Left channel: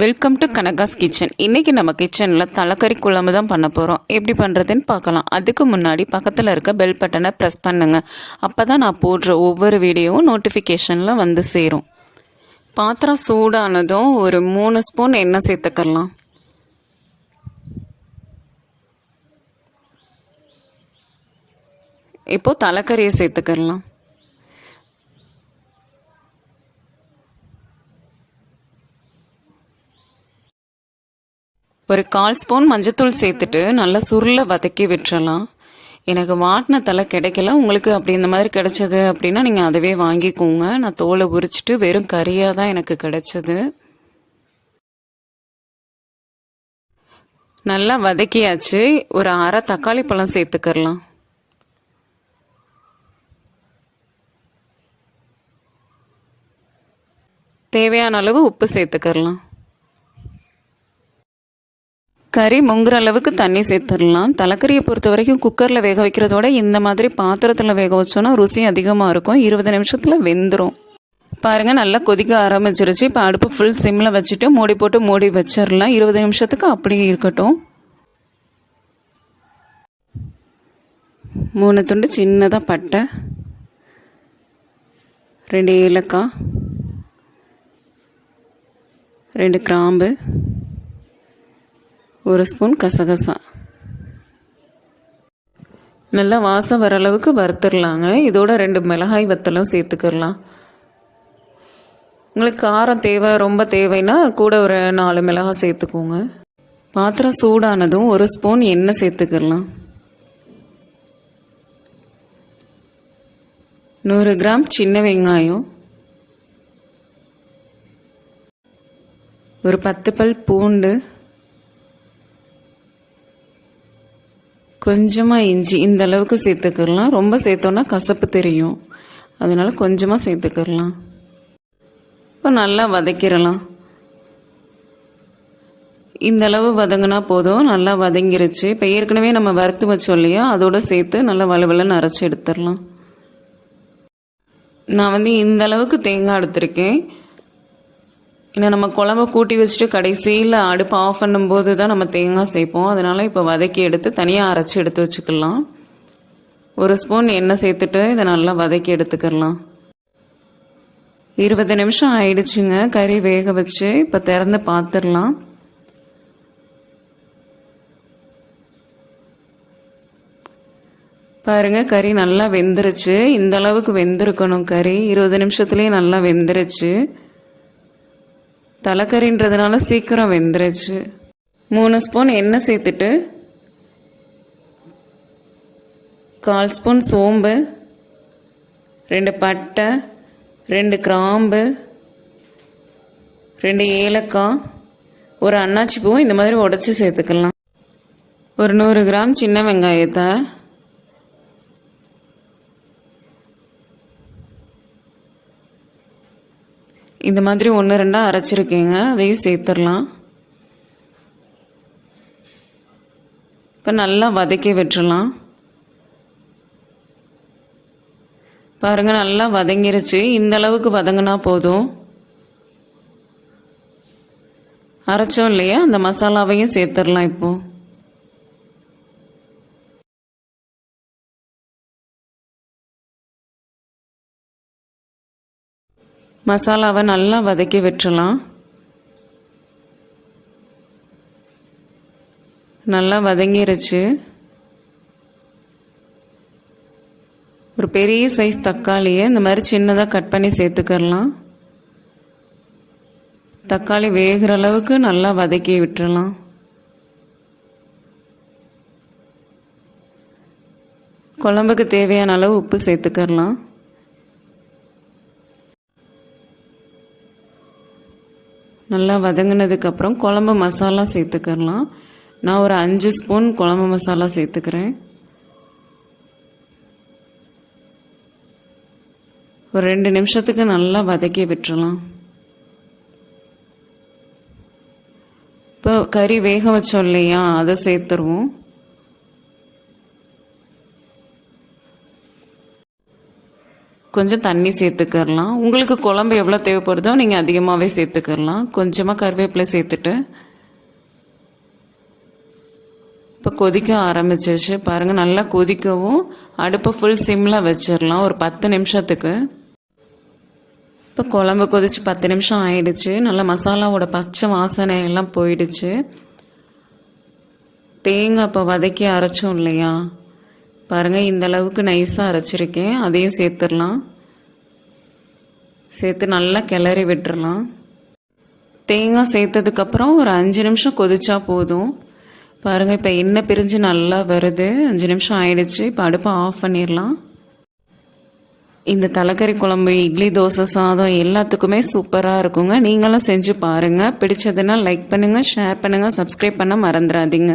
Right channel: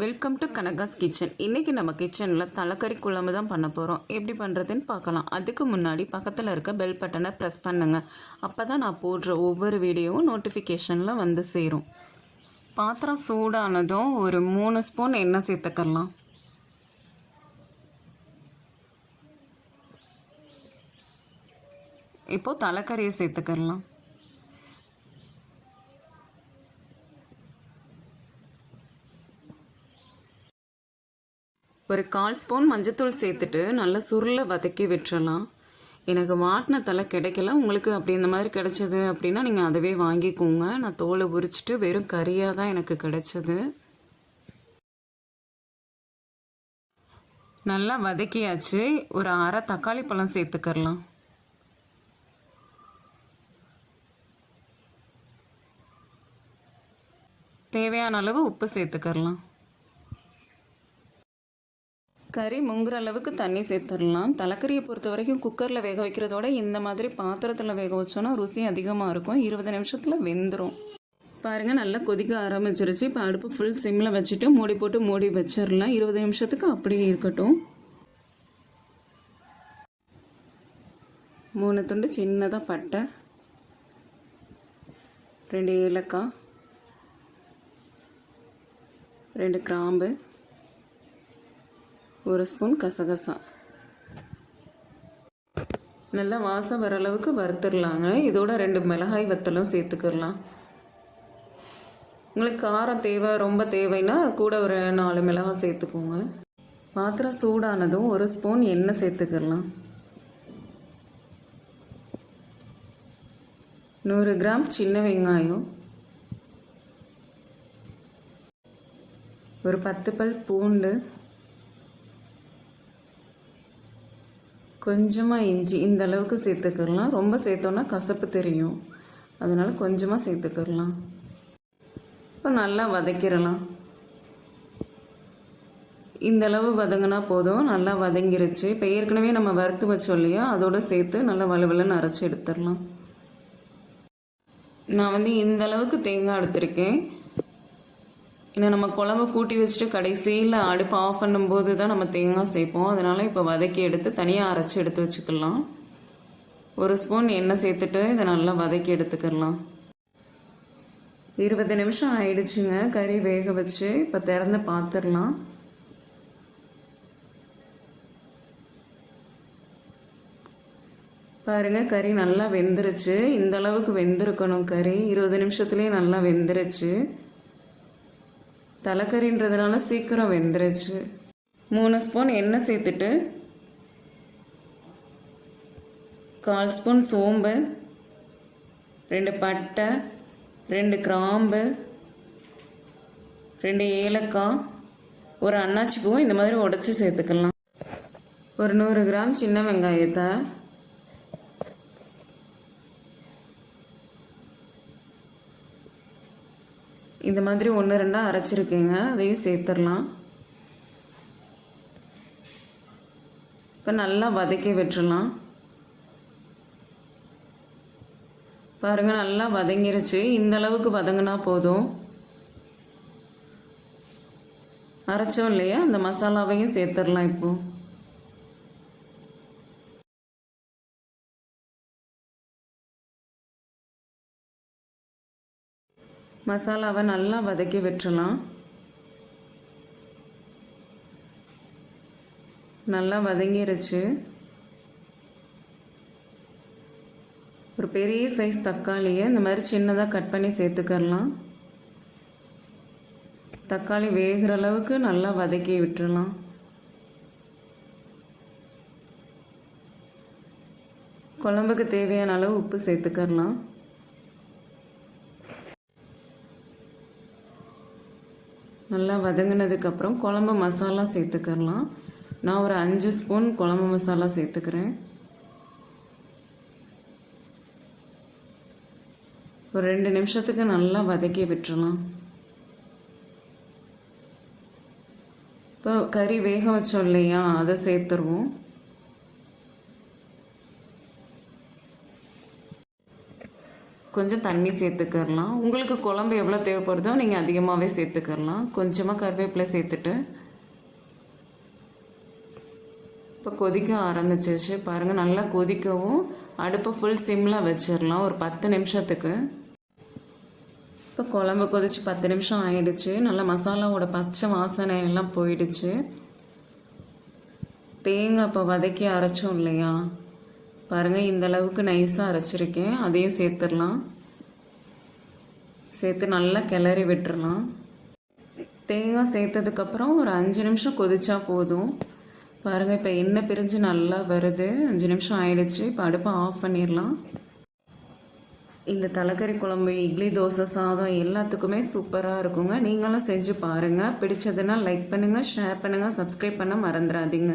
Welcome to கனகாஸ் kitchen. இன்றைக்கி நம்ம கிச்சனில் தலைக்கறி குழம்பு தான் பண்ண போகிறோம். எப்படி பண்ணுறதுன்னு பார்க்கலாம். அதுக்கு முன்னாடி பக்கத்தில் இருக்க பெல் பட்டனை ப்ரெஸ் பண்ணுங்கள். அப்போ தான் நான் போடுற ஒவ்வொரு வீடியோவும் நோட்டிஃபிகேஷனில் வந்து சேரும். பாத்திரம் சூடானதும் ஒரு 3 ஸ்பூன் எண்ணெய் சேர்த்துக்கலாம். இப்போது தலைக்கறியை சேர்த்துக்கலாம். ஒரு 1/4 ஸ்பூன் மஞ்சத்தூள் சேர்த்துட்டு நல்லா சுருளை வதக்கி விட்டுறலாம். எனக்கு வாட்டின தலை கிடைக்கல, உங்களுக்கு அப்படி இந்த மாதிரி கிடைச்சது அப்படின்னா நீங்கள் அதவே வாங்கிக்கோங்க. நான் தோலை உரிச்சிட்டு வெறும் கறியாக தான் எனக்கு கிடைச்சது. நல்லா வதக்கியாச்சு. ஒரு அரை தக்காளி பழம் சேர்த்துக்கலாம். தேவையான அளவு உப்பு சேர்த்துக்கலாம். கறி முங்குற அளவுக்கு தண்ணி சேர்த்துடலாம். தலைக்கறியை பொறுத்த வரைக்கும் குக்கரில் வேக வைக்கிறதோட இந்த மாதிரி பாத்திரத்தில் வேக வச்சோன்னா ருசி அதிகமாக இருக்கும். 20 நிமிஷத்தில் வெந்துடும். பாருங்கள், நல்லா கொதிக்க ஆரம்பிச்சிருச்சு. இப்போ அடுப்பு ஃபுல் சிம்மில் வச்சுட்டு மூடி போட்டு மூடி வச்சிடலாம். 20 நிமிஷத்துக்கு அப்படியே இருக்கட்டும். 3 துண்டு சின்னதாக பட்டை, 2 ஏலக்காய், 2 கிராம்பு, 1 ஸ்பூன் கசகசா. நல்லா வாசம் வர அளவுக்கு வறுத்துடலாங்க. இதோட 2 மிளகாய் வத்தலும் சேர்த்துக்கலாம். உங்களுக்கு காரம் தேவை, ரொம்ப தேவைன்னா கூட ஒரு 4 மிளகாய் சேர்த்துக்கோங்க. பாத்திரம் சூடானதும் 1 ஸ்பூன் எண்ணெய் சேர்த்துக்கலாம். 100 கிராம் சின்ன வெங்காயம், ஒரு 10 பல் பூண்டு, கொஞ்சமாக இஞ்சி இந்த அளவுக்கு சேர்த்துக்கலாம். ரொம்ப சேர்த்தோன்னா கசப்பு தெரியும், அதனால் கொஞ்சமாக சேர்த்துக்கலாம். இப்போ நல்லா வதக்கிடலாம். இந்த அளவு வதங்கினா போதும். நல்லா வதங்கிருச்சு. இப்போ ஏற்கனவே நம்ம வறுத்து வச்சோம் இல்லையா, அதோடு சேர்த்து நல்லா வலுவலுன்னு அரைச்சி எடுத்துடலாம். நான் இந்த அளவுக்கு தேங்காய் எடுத்திருக்கேன். இன்னும் நம்ம குழம்பு கூட்டி வச்சுட்டு கடைசியில் அடுப்பு ஆஃப் பண்ணும்போது தான் நம்ம தேங்காய் சேர்ப்போம். அதனால் இப்போ வதக்கி எடுத்து தனியாக அரைச்சி எடுத்து வச்சுக்கலாம். 1 ஸ்பூன் எண்ணெய் சேர்த்துட்டு இதை நல்லா வதக்கி எடுத்துக்கலாம். 20 நிமிஷம் ஆயிடுச்சுங்க கறி வேக வச்சு. இப்போ திறந்து பார்த்துடலாம். பாருங்கள், கறி நல்லா வெந்துருச்சு. இந்த அளவுக்கு வெந்திருக்கணும் கறி. 20 நிமிஷத்துலேயே நல்லா வெந்துருச்சு. தலைக்கறின்றதுனால சீக்கிரம் வெந்துருச்சு. 3 ஸ்பூன் எண்ணெய் சேர்த்துட்டு 1/4 ஸ்பூன் சோம்பு, 2 பட்டை, 2 கிராம்பு, 2 ஏலக்காய், ஒரு அன்னாச்சி பூ இந்த மாதிரி உடச்சி சேர்த்துக்கலாம். ஒரு 100 கிராம் சின்ன வெங்காயத்தை, இந்த மாதிரி 1-2 அரைச்சிருக்கேங்க, அதையும் சேர்த்துடலாம். இப்போ நல்லா வதக்கி விட்டுறலாம். பாருங்கள், நல்லா வதங்கிருச்சு. இந்த அளவுக்கு வதங்கினா போதும். அரைச்சோம் இல்லையா, அந்த மசாலாவையும் சேர்த்துடலாம். இப்போது மசாலாவை நல்லா வதக்கி விட்டுறலாம். நல்லா வதங்கிருச்சு. ஒரு பெரிய சைஸ் தக்காளியை இந்த மாதிரி சின்னதாக கட் பண்ணி சேர்த்துக்கலாம். தக்காளி வேகிற அளவுக்கு நல்லா வதக்கி விட்டுறலாம். குழம்புக்கு தேவையான அளவு உப்பு சேர்த்துக்கலாம். நல்லா வதங்கினதுக்கப்புறம் குழம்பு மசாலா சேர்த்துக்கலாம். நான் ஒரு 5 ஸ்பூன் குழம்பு மசாலா சேர்த்துக்கிறேன். ஒரு 2 நிமிஷத்துக்கு நல்லா வதக்கி விட்டுறலாம். இப்போ கறி வேக வச்சோம் இல்லையா, அதை சேர்த்துருவோம். கொஞ்சம் தண்ணி சேர்த்துக்கிறலாம். உங்களுக்கு குழம்பு எவ்வளோ தேவைப்படுதோ நீங்கள் அதிகமாகவே சேர்த்துக்கிறலாம். கொஞ்சமாக கருவேப்பிலை சேர்த்துட்டு இப்போ கொதிக்க ஆரம்பிச்சிச்சு பாருங்கள். நல்லா கொதிக்கவும் அடுப்பை ஃபுல் சிம்மில் வச்சிடலாம் ஒரு 10 நிமிஷத்துக்கு. இப்போ குழம்பு கொதிச்சு 10 நிமிஷம் ஆயிடுச்சு. நல்லா மசாலாவோட பச்சை வாசனை எல்லாம் போயிடுச்சு. தேங்காய் இப்போ வதக்கி அரைச்சோம் இல்லையா, பாருங்கள் இந்த அளவுக்கு நைஸாக அரைச்சிருக்கேன். அதையும் சேர்த்துடலாம். சேர்த்து நல்லா கிளறி விட்டுறலாம். தேங்காய் சேர்த்ததுக்கப்புறம் ஒரு 5 நிமிஷம் கொதிச்சா போதும். பாருங்கள் இப்போ எண்ணெய் பிரிஞ்சு நல்லா வருது. 5 நிமிஷம் ஆயிடுச்சு. இப்போ அடுப்பை ஆஃப் பண்ணிடலாம். இந்த தலைக்கறி குழம்பு இட்லி, தோசை, சாதம் எல்லாத்துக்குமே சூப்பராக இருக்குங்க. நீங்களும் செஞ்சு பாருங்கள். பிடிச்சதுன்னா லைக் பண்ணுங்கள், ஷேர் பண்ணுங்கள், சப்ஸ்கிரைப் பண்ண மறந்துடாதீங்க.